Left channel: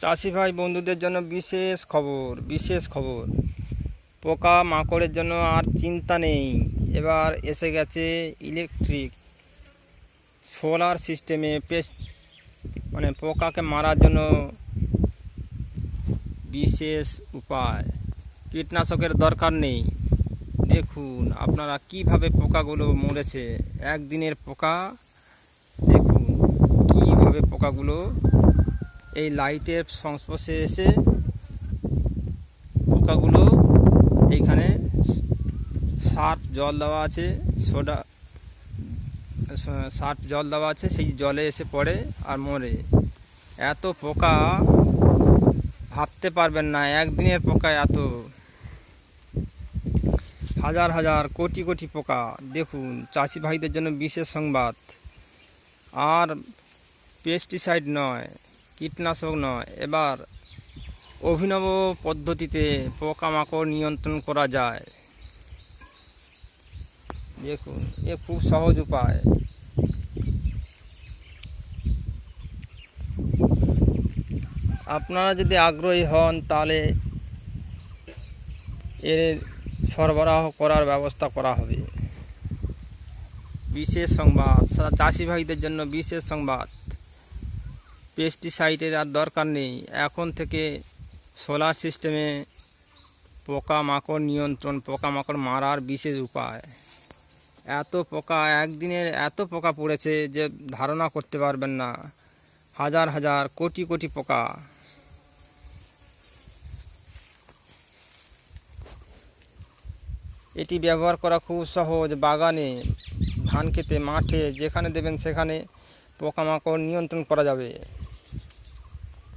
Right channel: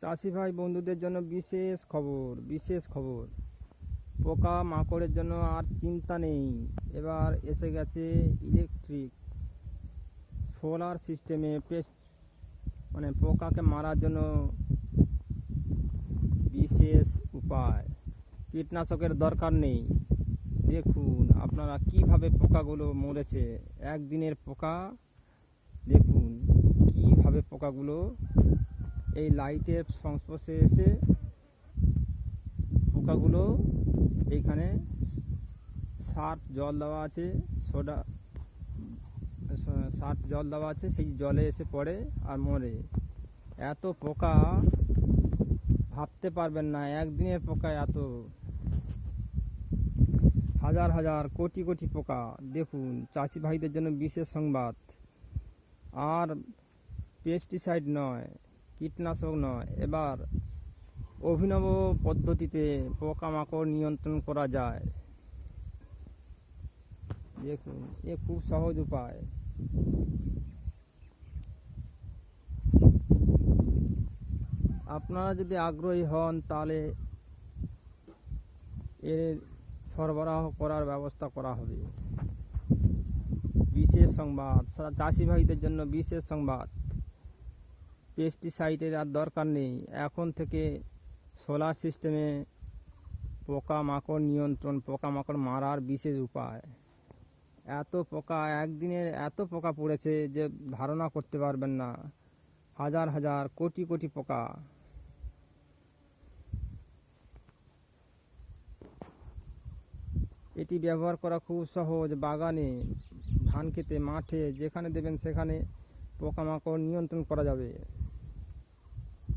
চাষি ভাই বন্ধুদের জন্য বিশেষ খবর বিশেষ খবর। পোকা মাকড়ের জন্য আর চিন্তা নেই। এবার এসে গেছে ইলেকট্রিক সোলার সিস্টেমে পেস্ট মানে পোকাকে মারার জন্য বিশেষ উপায়। কীটনাশকের দরকার নেই। দেখুন আপনারা কীভাবে পোকাগুলো মরেছে। একদিনের পোকা, দেখুন কীভাবে পোকাগুলো এই লাইটের সংস্পর্শে এসে পোকাগুলো এইখানে সার্ফ জল দেওয়া আছে, সোডা, সার্ফ জল দেওয়া আছে, সেই জলে এসে পড়ে আর মরে। এত পোকা ভাবতে পারবেন না, একদিনের পোকা এত। হাজার হাজার, কোটি কোটি পোকা। দেখুন, চাষি ভাইদের জন্য বিশেষ সংবাদ। আর পেস্টিসাইড নয় কীটনাশক নয়। এবার অভিনব পদ্ধতিতে পোকামাকড় নিয়ন্ত্রণ করা যায়। দেখুন, এ খুব সহজ উপায়। আপনারা যদি আগ্রহী হন, তাহলে এর সরবরাহ করার ব্যবস্থা করা হবে। বিশেষ সংবাদ। সা- চাষি ভাইদের জন্য বিশেষ সংবাদ। পেস্টিসাইডের আর দরকার নেই। এখন থেকে সোলার সিস্টেমে পোকামাকড় নিয়ন্ত্রণ, পোকামাকড় মারার বিশেষ উপায়। এত পোকা একদিনের এত পোকা পড়েছে যে ধারণা করতে পারবেন না। হাজার হাজার, কোটি কোটি পোকা। এটি ব্যবহার করা খুব সহজ। বাগানে, ধান খেতে, মাঠে, যেখানে দেবেন সেখানে পোকামাকড় নিয়ন্ত্রণ করা যাবে।